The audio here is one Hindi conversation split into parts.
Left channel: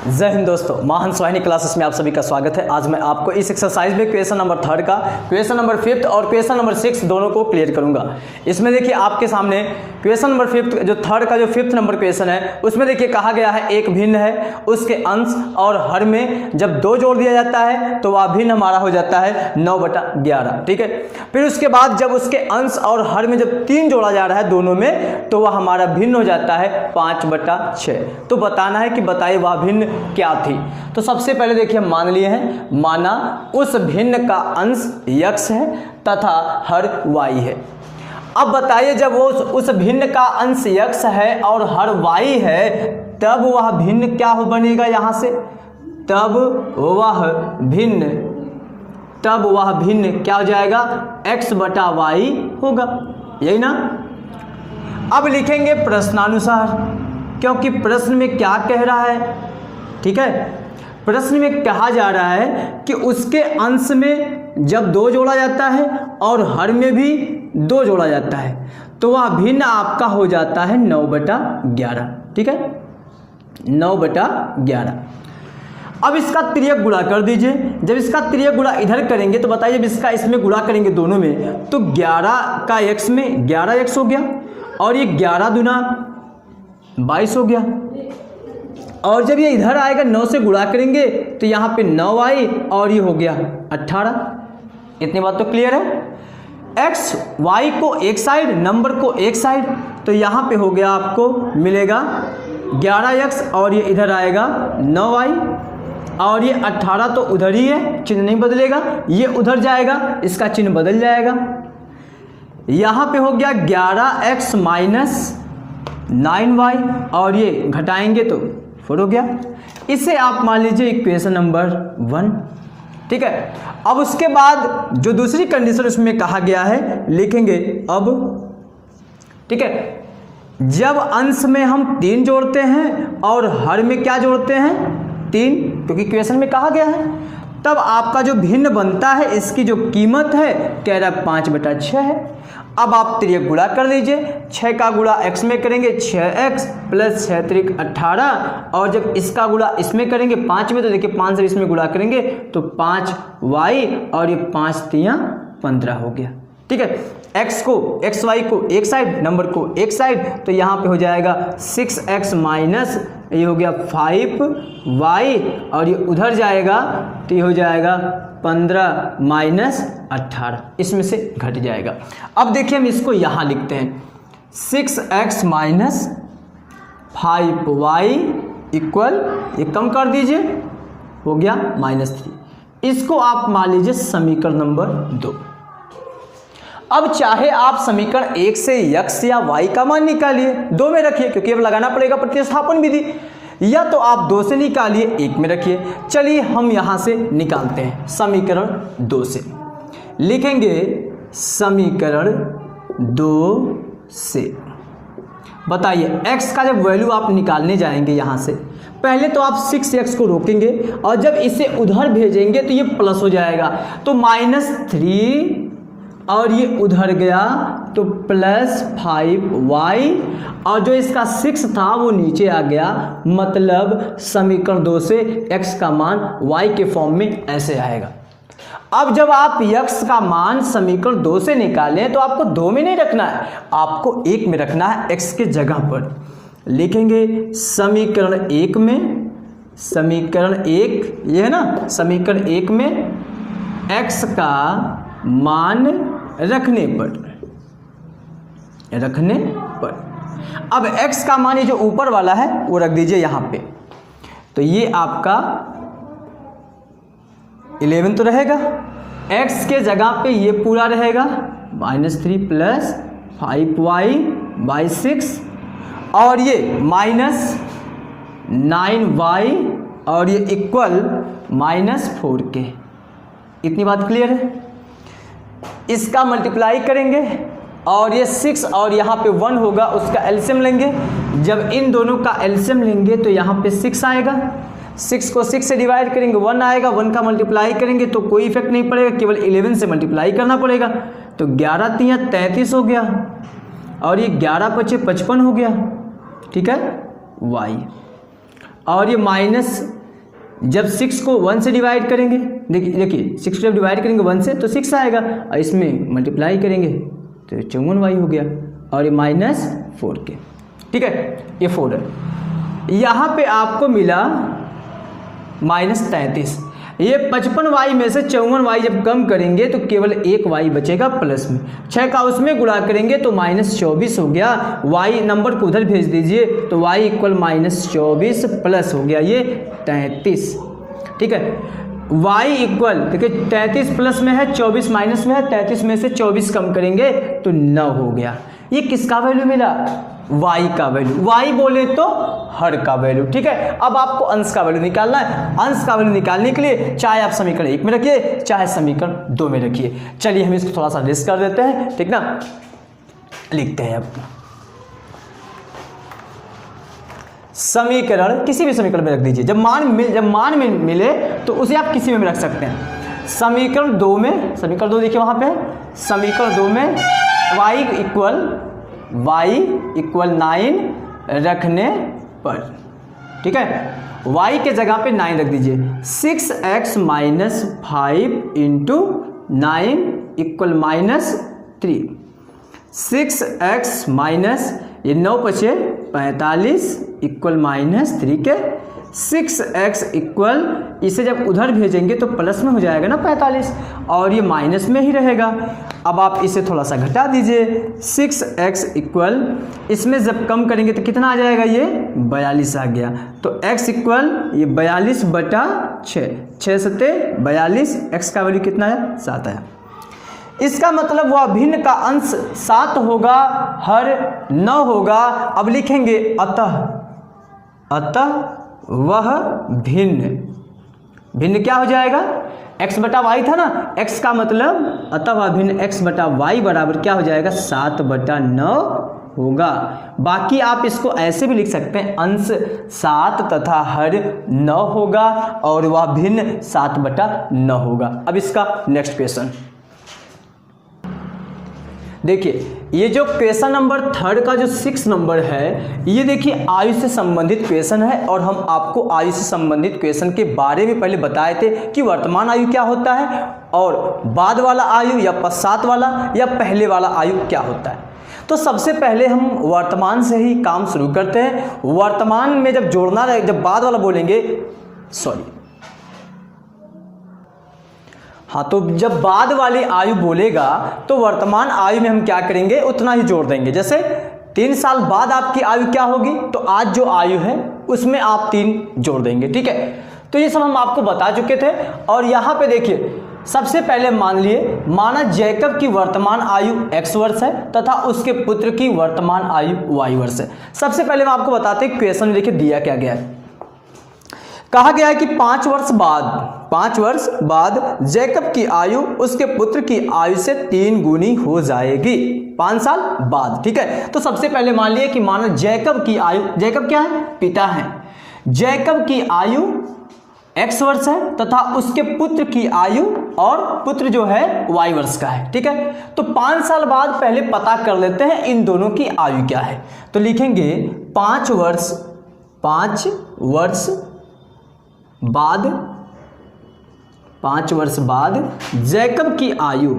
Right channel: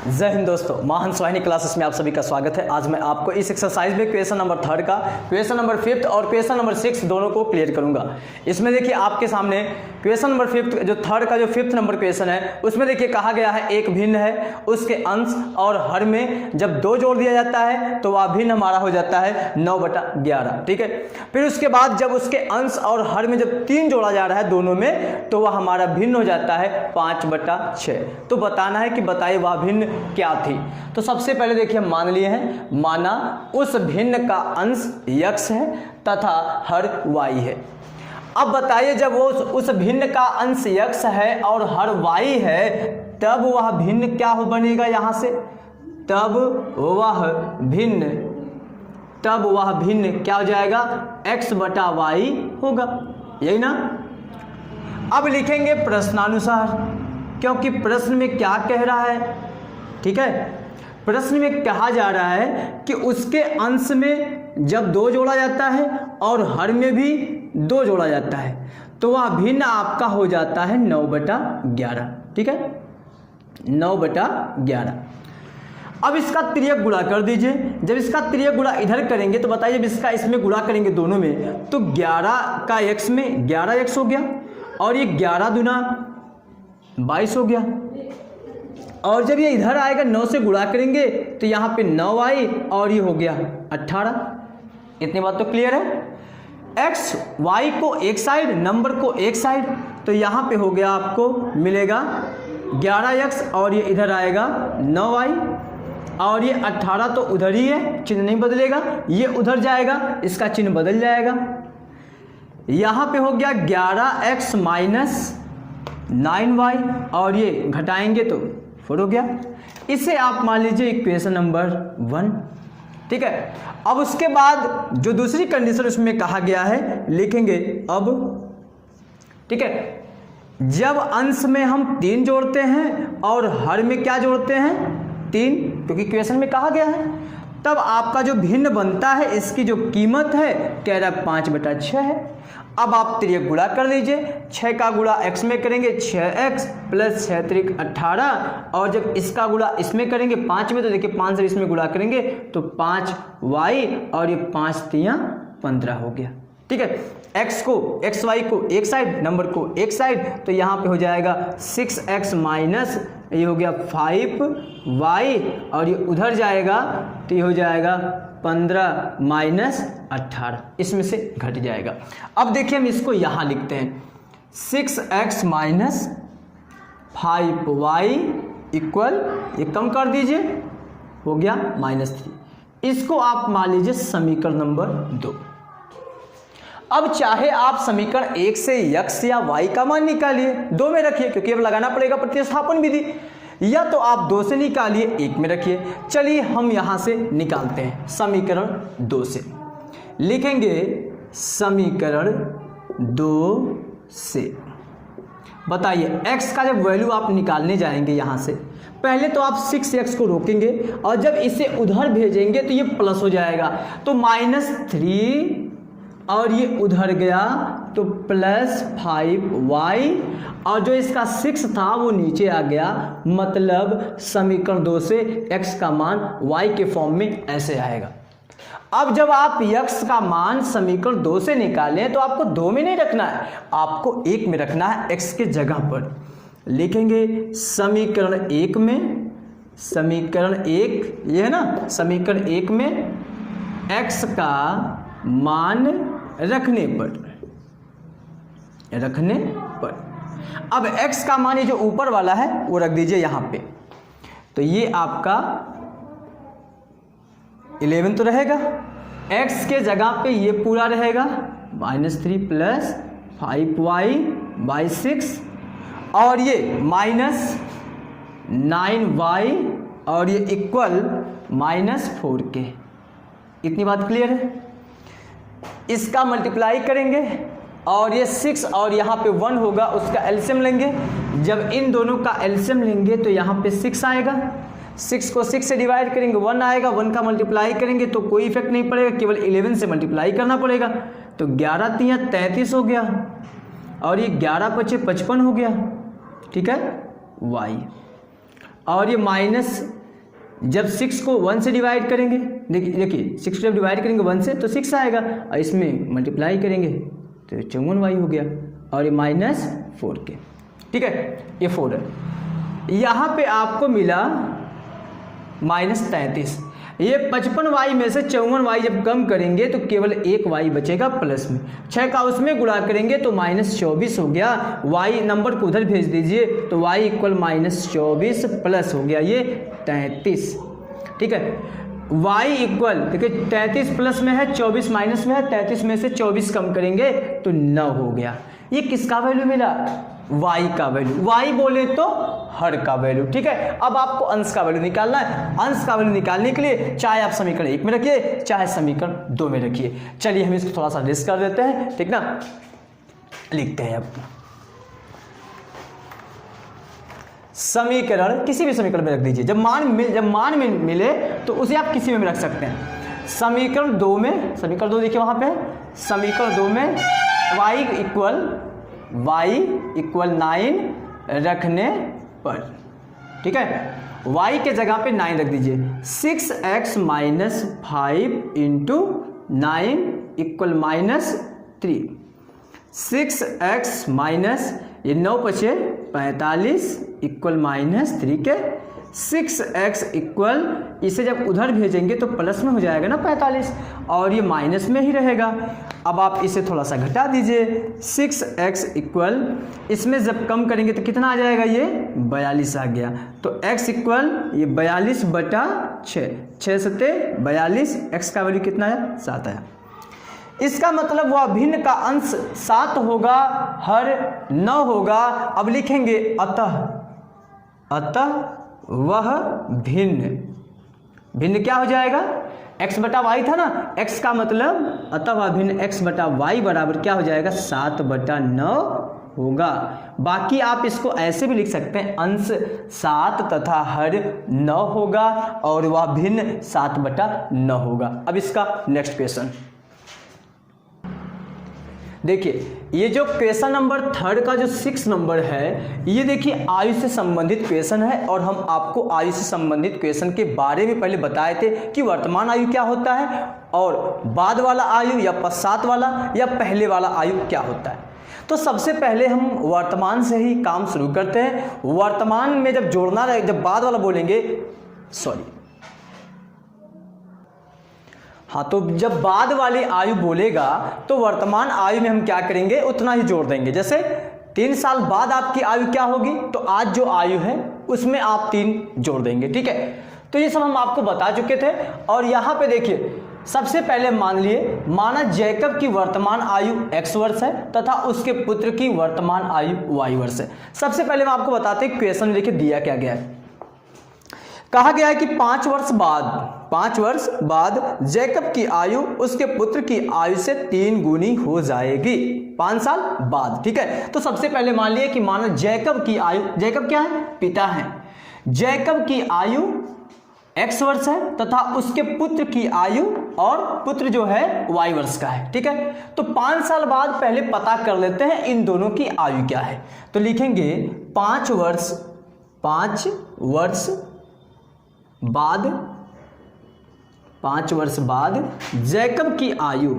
जय हिंद दोस्तों, महान स्वाहिनी क्लासेस में आप सभी का स्वागत है। आज मैं आपको इस एक्सरसाइज में क्वेश्चन नंबर 3 का, क्वेश्चन नंबर 5 और क्वेश्चन नंबर 6 दोनों को क्लियर करूंगा। इसमें देखिए आपके सामने क्वेश्चन नंबर 5 जो 3 का जो 5th नंबर क्वेश्चन है उसमें देखिए कहा गया है एक भिन्न है, उसके अंश और हर में जब 2 जोड़ दिया जाता है तो वह भिन्न हमारा हो जाता है 9/11। ठीक है, फिर उसके बाद जब उसके अंश और हर में जब 3 जोड़ा जा रहा है दोनों में तो वह हमारा भिन्न हो जाता है 5/6। तो बताना है कि बताइए वह भिन्न क्या थी। तो सबसे पहले देखिए मान लिए हैं, माना उस भिन्न का अंश x है तथा हर y है। अब बताइए जब वो उस भिन्न का अंश x है और हर y है तब वह भिन्न क्या हो बनेगा यहाँ से, तब वह भिन्न क्या हो जाएगा, x/y होगा, यही ना। अब लिखेंगे प्रश्नानुसार, क्योंकि प्रश्न में क्या कह रहा है। ठीक है, प्रश्न में कहा जा रहा है कि उसके अंश में जब 2 जोड़ा जाता है और हर में भी 2 जोड़ा जाता है तो वह भिन्न आपका हो जाता है 9/11। ठीक है, 9/11। अब इसका तिर्यक गुणा कर दीजिए। जब इसका तिर्यक गुणा इधर करेंगे तो बताइए जब इसका इसमें गुणा करेंगे दोनों में तो 11 का x में 11x हो गया और ये 11 दूना 22 हो गया। और जब ये इधर आएगा 9 से गुणा करेंगे तो यहाँ पे 9y और ये हो गया 18। इतनी बात तो क्लियर है। x y को एक साइड, नंबर को एक साइड, तो यहाँ पे हो गया आपको मिलेगा 11x और ये इधर आएगा 9y और ये 18 तो उधर ही है, चिन्ह नहीं बदलेगा, ये उधर जाएगा, इसका चिन्ह बदल जाएगा। यहाँ पे हो गया 11x माइनस 9y और ये घटाएंगे तो 4 हो गया। इसे आप मान लीजिए इक्वेशन नंबर 1। ठीक है, अब उसके बाद जो दूसरी कंडीशन उसमें कहा गया है लिखेंगे अब। ठीक है, जब अंश में हम 3 जोड़ते हैं और हर में क्या जोड़ते हैं 3, क्योंकि क्वेश्चन में कहा गया है, तब आपका जो भिन्न बनता है इसकी जो कीमत है कह रहा है 5/6 है। अब आप तिर्यक गुणा कर लीजिए। 6 का गुणा x में करेंगे 6x प्लस 6 त्रिक 18 और जब इसका गुणा इसमें करेंगे 5 में तो देखिए 5 से इसमें गुणा करेंगे तो 5y और ये 5 3 15 हो गया। ठीक है, xy को एक साइड, नंबर को एक साइड, तो यहाँ पे हो जाएगा 6x माइनस ये हो गया 5y और ये उधर जाएगा तो ये हो जाएगा 15 माइनस 18, इसमें से घट जाएगा। अब देखिए हम इसको यहाँ लिखते हैं 6x माइनस 5y इक्वल, ये कम कर दीजिए, हो गया -3। इसको आप मान लीजिए समीकरण नंबर 2। अब चाहे आप समीकरण 1 से x या y का मान निकालिए, 2 में रखिए क्योंकि अब लगाना पड़ेगा प्रतिस्थापन विधि, या तो आप 2 से निकालिए 1 में रखिए। चलिए हम यहां से निकालते हैं समीकरण 2 से। लिखेंगे समीकरण 2 से, बताइए x का जब वैल्यू आप निकालने जाएंगे यहां से, पहले तो आप 6x को रोकेंगे और जब इसे उधर भेजेंगे तो ये प्लस हो जाएगा, तो -3 और ये उधर गया तो प्लस 5y और जो इसका 6 था वो नीचे आ गया। मतलब समीकरण 2 से x का मान y के फॉर्म में ऐसे आएगा। अब जब आप x का मान समीकरण 2 से निकालें तो आपको 2 में नहीं रखना है, आपको 1 में रखना है, x के जगह पर लिखेंगे समीकरण 1 में, समीकरण 1 ये है ना, समीकरण 1 में x का मान रखने पर अब x का मान ये जो ऊपर वाला है वो रख दीजिए यहाँ पे, तो ये आपका 11 तो रहेगा, x के जगह पे ये पूरा रहेगा -3 प्लस 5y/6 और ये -9y और ये इक्वल -4 के। इतनी बात क्लियर है। इसका मल्टीप्लाई करेंगे और ये 6 और यहाँ पे 1 होगा, उसका एलसीएम लेंगे। जब इन दोनों का एलसीएम लेंगे तो यहाँ पे 6 आएगा, 6 को 6 से डिवाइड करेंगे 1 आएगा, 1 का मल्टीप्लाई करेंगे तो कोई इफेक्ट नहीं पड़ेगा, केवल 11 से मल्टीप्लाई करना पड़ेगा, तो 11 3 33 हो गया और ये 11 5 55 हो गया। ठीक है, y और ये माइनस जब 6 को 1 से डिवाइड करेंगे, देखिए 6 को जब डिवाइड करेंगे 1 से तो 6 आएगा, और इसमें मल्टीप्लाई करेंगे तो 54y हो गया, और ये -4k, ठीक है, ये 4 है। यहाँ पे आपको मिला -33। ये 55y में से 54y जब कम करेंगे तो केवल एक y बचेगा प्लस में, 6 का उसमें गुणा करेंगे तो -24 हो गया, y नंबर को उधर भेज दीजिए तो y इक्वल -24 प्लस हो गया ये 33, ठीक है। y इक्वल देखिए 33 प्लस में है, 24 माइनस में है, 33 में से 24 कम करेंगे तो 9 हो गया। ये किसका वैल्यू मिला? y का वैल्यू, y बोले तो हर का वैल्यू, ठीक है। अब आपको अंश का वैल्यू निकालना है। अंश का वैल्यू निकालने के लिए चाहे आप समीकरण 1 में रखिए, चाहे समीकरण 2 में रखिए। चलिए हम इसको थोड़ा सा लिस्ट कर देते हैं, ठीक ना। लिखते हैं अब समीकरण, किसी भी समीकरण में रख दीजिए। जब मान में मिले तो उसे आप किसी में भी रख सकते हैं। समीकरण 2 में, समीकरण 2 देखिए वहां पे, समीकरण 2 में y इक्वल 9 रखने पर, ठीक है, y के जगह पे 9 रख दीजिए। 6x minus 5 into 9 equal -3। 6x minus ये 9 बचे 45 इक्वल -3 के 6x इक्वल, इसे जब उधर भेजेंगे तो प्लस में हो जाएगा ना 45, और ये माइनस में ही रहेगा। अब आप इसे थोड़ा सा घटा दीजिए। 6x इक्वल, इसमें जब कम करेंगे तो कितना आ जाएगा? ये 42 आ गया। तो x इक्वल ये 42/6, 6 सत्ते 42, x का वैल्यू कितना है? 7 है। इसका मतलब वह भिन्न का अंश 7 होगा, हर 9 होगा। अब लिखेंगे अतः वह भिन्न क्या हो जाएगा? x बटा वाई था ना, x का मतलब अतः वह भिन्न x बटा वाई बराबर क्या हो जाएगा? 7/9 होगा। बाकी आप इसको ऐसे भी लिख सकते हैं, अंश 7 तथा हर 9 होगा और वह भिन्न 7/9 होगा। अब इसका नेक्स्ट क्वेश्चन देखिए, ये जो क्वेश्चन नंबर 3 का जो 6 नंबर है, ये देखिए आयु से संबंधित क्वेश्चन है, और हम आपको आयु से संबंधित क्वेश्चन के बारे में पहले बताए थे कि वर्तमान आयु क्या होता है, और बाद वाला आयु या पश्चात वाला या पहले वाला आयु क्या होता है। तो सबसे पहले हम वर्तमान से ही काम शुरू करते हैं। वर्तमान में जब जोड़ना रहे, जब बाद वाला बोलेंगे, हाँ, तो जब बाद वाली आयु बोलेगा तो वर्तमान आयु में हम क्या करेंगे? उतना ही जोड़ देंगे। जैसे 3 साल बाद आपकी आयु क्या होगी, तो आज जो आयु है उसमें आप 3 जोड़ देंगे, ठीक है। तो ये सब हम आपको बता चुके थे। और यहाँ पे देखिए, सबसे पहले माना जैकब की वर्तमान आयु x वर्ष है तथा उसके पुत्र की वर्तमान आयु y वर्ष है। सबसे पहले मैं आपको बताते हैं क्वेश्चन में देखिए दिया क्या गया है। कहा गया है कि 5 वर्ष बाद जैकब की आयु उसके पुत्र की आयु से 3 गुनी हो जाएगी। 5 साल बाद, ठीक है। तो सबसे पहले मान लिए कि मानो जैकब की आयु, जैकब क्या है? पिता है। जैकब की आयु x वर्ष है तथा उसके पुत्र की आयु, और पुत्र जो है y वर्ष का है, ठीक है। तो 5 साल बाद पहले पता कर लेते हैं इन दोनों की आयु क्या है। तो लिखेंगे 5 वर्ष बाद जैकब की आयु,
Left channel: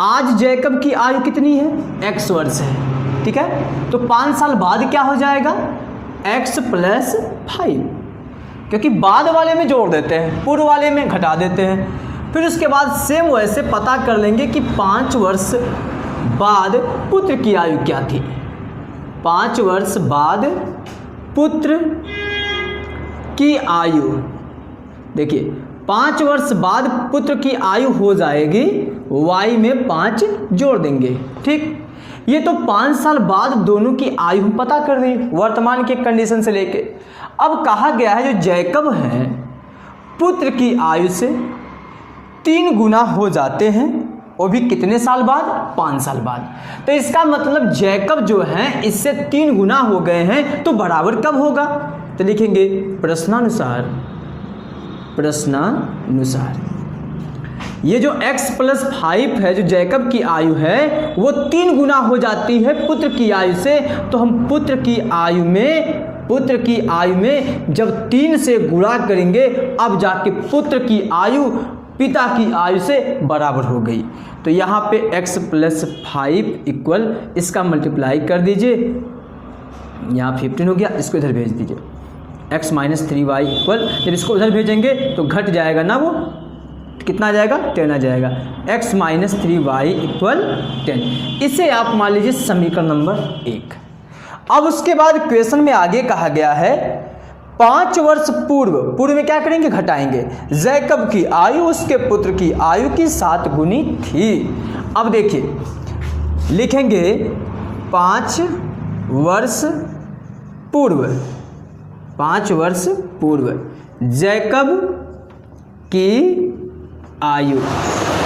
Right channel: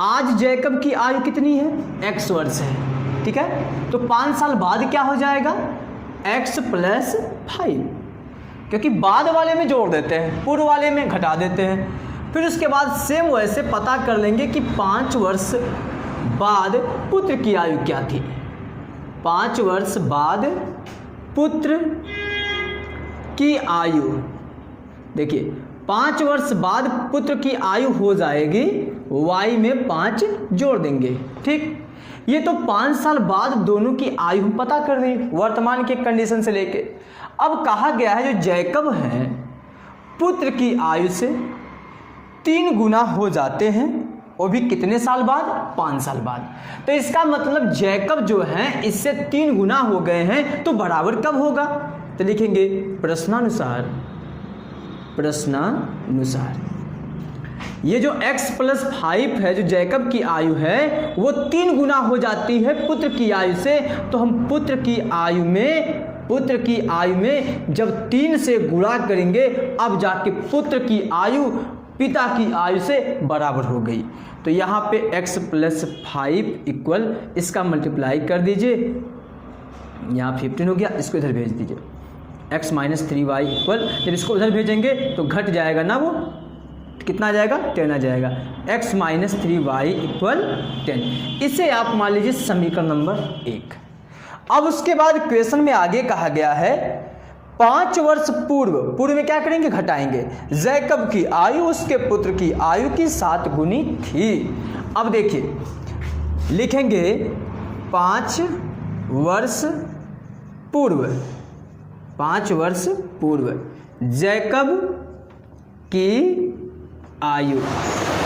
आज जैकब की आयु कितनी है? x वर्ष है, ठीक है। तो 5 साल बाद क्या हो जाएगा? x + 5, क्योंकि बाद वाले में जोड़ देते हैं, पूर्व वाले में घटा देते हैं। फिर उसके बाद सेम वैसे पता कर लेंगे कि 5 वर्ष बाद पुत्र की आयु क्या थी। 5 वर्ष बाद पुत्र की आयु, देखिए 5 वर्ष बाद पुत्र की आयु हो जाएगी, y में 5 जोड़ देंगे, ठीक। ये तो 5 साल बाद दोनों की आयु पता कर दी वर्तमान के कंडीशन से लेके। अब कहा गया है जो जैकब है पुत्र की आयु से 3 गुना हो जाते हैं, वो भी कितने साल बाद? 5 साल बाद। तो इसका मतलब जैकब जो है इससे 3 गुना हो गए हैं, तो बराबर कब होगा? तो लिखेंगे प्रश्नानुसार ये जो x + 5 है, जो जैकब की आयु है, वो 3 गुना हो जाती है पुत्र की आयु से। तो हम पुत्र की आयु में जब 3 से गुणा करेंगे, अब जाके पुत्र की आयु पिता की आयु से बराबर हो गई। तो यहाँ पे x + 5 इक्वल, इसका मल्टीप्लाई कर दीजिए, यहाँ 15 हो गया, इसको इधर भेज दीजिए। x - 3y इक्वल, जब इसको उधर भेजेंगे तो घट जाएगा ना, वो कितना आ जाएगा, 10 आ जाएगा। x - 3y equal 10। इसे आप मान लीजिए समीकरण नंबर 1। अब उसके बाद क्वेश्चन में आगे कहा गया है 5 वर्ष पूर्व में क्या करेंगे, घटाएंगे। जैकब की आयु उसके पुत्र की आयु की 7 गुनी थी। अब देखिए लिखेंगे 5 वर्ष पूर्व जैकब की आयु,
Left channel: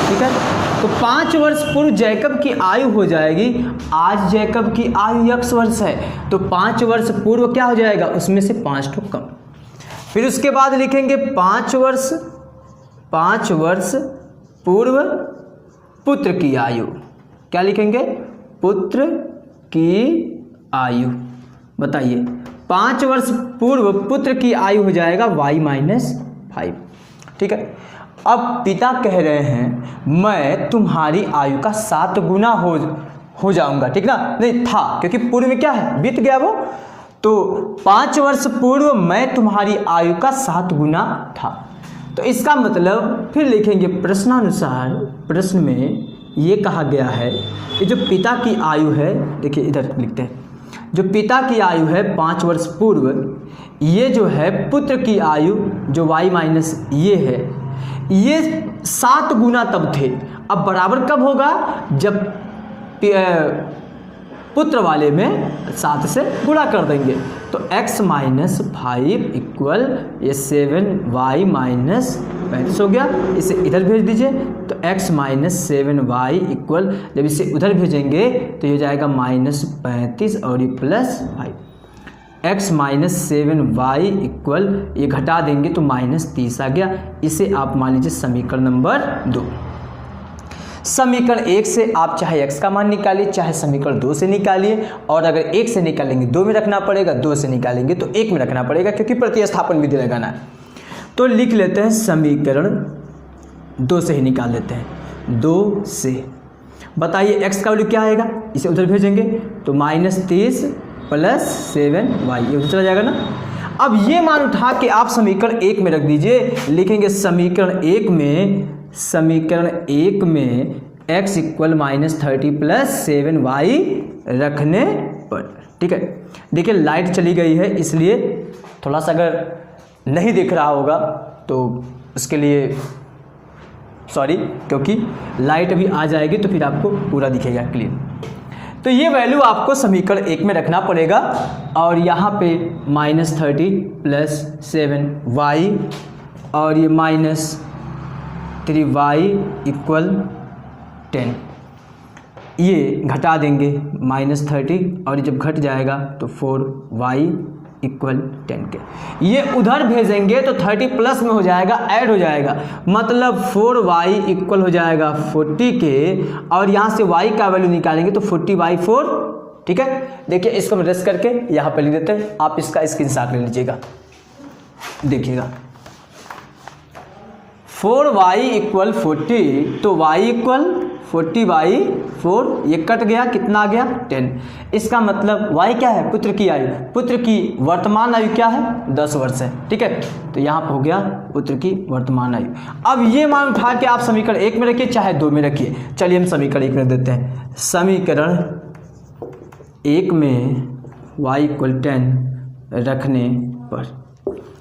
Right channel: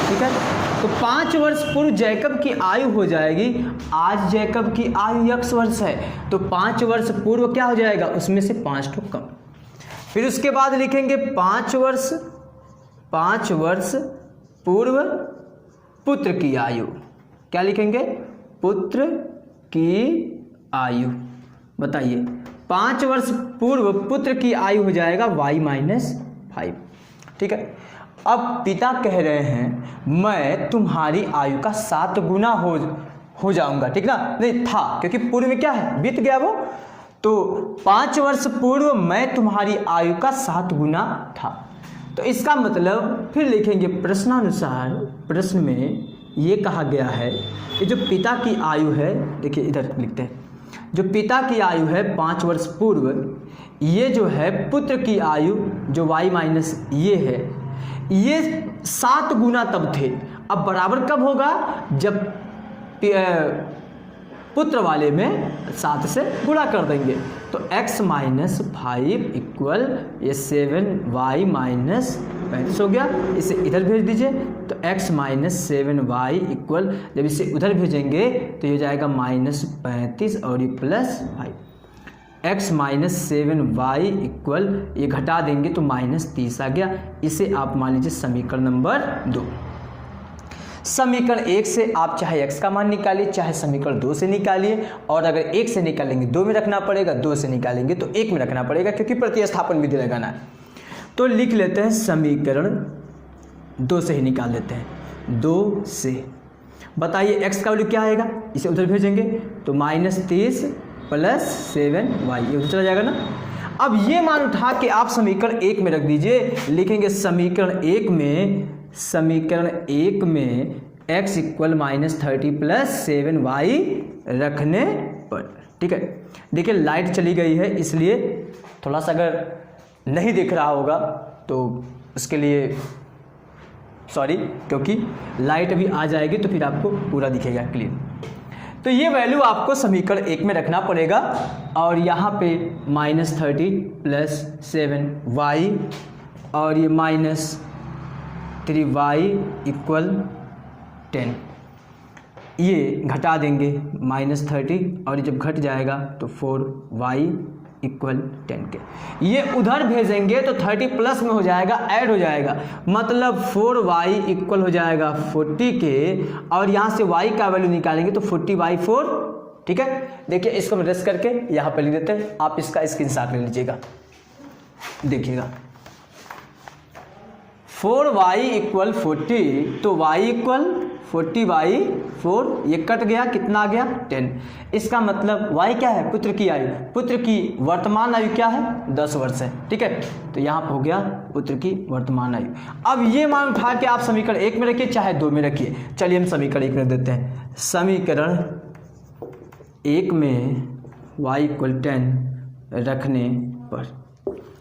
ठीक है। तो 5 वर्ष पूर्व जैकब की आयु हो जाएगी, आज जैकब की आयु x वर्ष है, तो 5 वर्ष पूर्व क्या हो जाएगा, उसमें से 5 तो कम। फिर उसके बाद लिखेंगे 5 वर्ष पूर्व पुत्र की आयु, क्या लिखेंगे, पुत्र की आयु। बताइए 5 वर्ष पूर्व पुत्र की आयु हो जाएगा y - 5, ठीक है। अब पिता कह रहे हैं मैं तुम्हारी आयु का 7 गुना हो जाऊंगा, ठीक ना, नहीं था क्योंकि पूर्व में क्या है, बीत गया वो। तो 5 वर्ष पूर्व मैं तुम्हारी आयु का 7 गुना था। तो इसका मतलब फिर लिखेंगे प्रश्नानुसार, प्रश्न में ये कहा गया है कि जो पिता की आयु है, देखिए इधर लिखते हैं, जो पिता की आयु है 5 वर्ष पूर्व, ये जो है पुत्र की आयु जो y - ये है, ये 7 गुना तब थे। अब बराबर कब होगा, जब पुत्र वाले में 7 से गुणा कर देंगे। तो x - 5 इक्वल ये 7y - 35 हो गया, इसे इधर भेज दीजिए। तो x - 7y इक्वल, जब इसे उधर भेजेंगे तो ये जाएगा -35 और ये +5। x - 7y इक्वल, ये घटा देंगे तो -30 आ गया। इसे आप मान लीजिए समीकरण नंबर 2। समीकरण 1 से आप चाहे x का मान निकालिए, चाहे समीकरण 2 से निकालिए, और अगर 1 से निकालेंगे 2 में रखना पड़ेगा, 2 से निकालेंगे तो 1 में रखना पड़ेगा, क्योंकि प्रतिस्थापन विधि लगाना है। तो लिख लेते हैं समीकरण 2 से ही निकाल लेते हैं। 2 से बताइए x का वैल्यू क्या आएगा, इसे उधर भेजेंगे तो -30 + 7y, ये उधर चला जाएगा ना। अब ये मान उठा के आप समीकरण 1 में रख दीजिए। लिखेंगे समीकरण 1 में x इक्वल -30 + 7y रखने पर, ठीक है। देखिए लाइट चली गई है, इसलिए थोड़ा सा अगर नहीं दिख रहा होगा तो उसके लिए सॉरी, क्योंकि लाइट अभी आ जाएगी तो फिर आपको पूरा दिखेगा क्लियर। तो ये वैल्यू आपको समीकरण 1 में रखना पड़ेगा, और यहाँ पे -30 + 7y और ये -3y इक्वल 10, ये घटा देंगे -30, और जब घट जाएगा तो 4y इक्वल 10 के, ये उधर भेजेंगे तो 30 प्लस में हो जाएगा, ऐड हो जाएगा, मतलब 4y इक्वल हो जाएगा 40 के, और यहाँ से y का वैल्यू निकालेंगे तो 40/4, ठीक है। देखिए इसको हम रेस्ट करके यहाँ पे लिख देते हैं, आप इसका स्क्रीनशॉट ले लीजिएगा। देखिएगा 4y इक्वल 40, तो y इक्वल 40/4, ये कट गया, कितना आ गया 10। इसका मतलब y क्या है, पुत्र की आयु, पुत्र की वर्तमान आयु क्या है 10 वर्ष है, ठीक है। तो यहाँ पर हो गया पुत्र की वर्तमान आयु। अब ये मान उठा के आप समीकरण 1 में रखिए, चाहे 2 में रखिए। चलिए हम समीकरण 1 में देते हैं। समीकरण 1 में y इक्वल 10 रखने पर,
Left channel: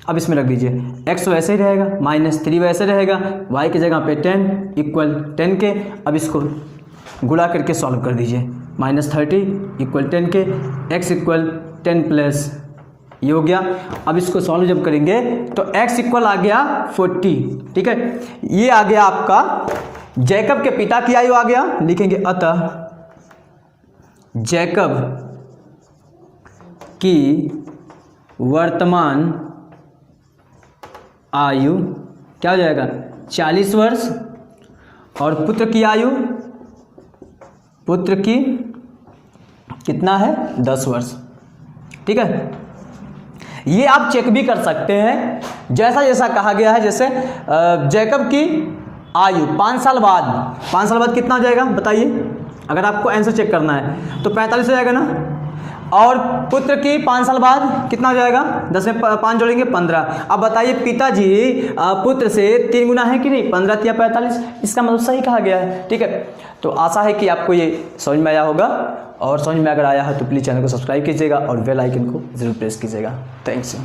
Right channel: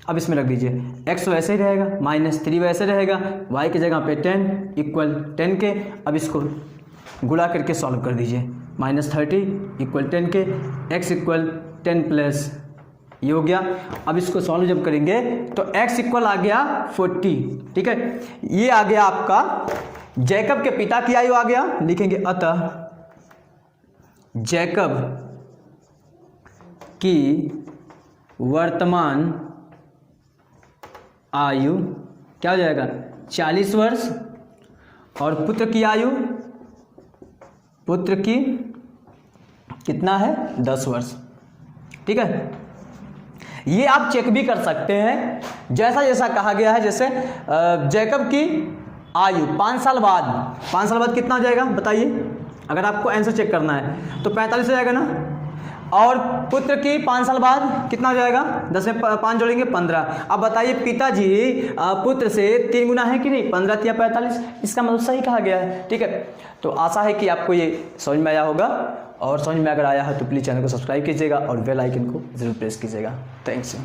अब इसमें रख दीजिए x वैसे ही रहेगा, -3 वैसे रहेगा, y की जगह पे 10 इक्वल 10 के। अब इसको गुणा करके सॉल्व कर दीजिए, -30 इक्वल 10 के, x इक्वल 10 प्लस ये हो गया। अब इसको सॉल्व जब करेंगे तो x इक्वल आ गया 40, ठीक है। ये आ गया आपका जैकब के पिता की आयु आ गया। लिखेंगे अतः जैकब की वर्तमान आयु क्या हो जाएगा 40 वर्ष, और पुत्र की आयु, पुत्र की कितना है 10 वर्ष। ठीक है, ये आप चेक भी कर सकते हैं जैसा जैसा कहा गया है। जैसे जैकब की आयु 5 साल बाद, 5 साल बाद कितना हो जाएगा बताइए, अगर आपको आंसर चेक करना है तो 45 हो जाएगा ना। और पुत्र की 5 साल बाद कितना हो जाएगा, 10 में 5 जोड़ेंगे 15। अब बताइए पिताजी पुत्र से 3 गुना है कि नहीं, 15 या 45, इसका मतलब सही कहा गया है। ठीक है, तो आशा है कि आपको ये समझ में आया होगा, और समझ में अगर आया है तो प्लीज़ चैनल को सब्सक्राइब कीजिएगा और बेल आइकन को जरूर प्रेस कीजिएगा। थैंक्स।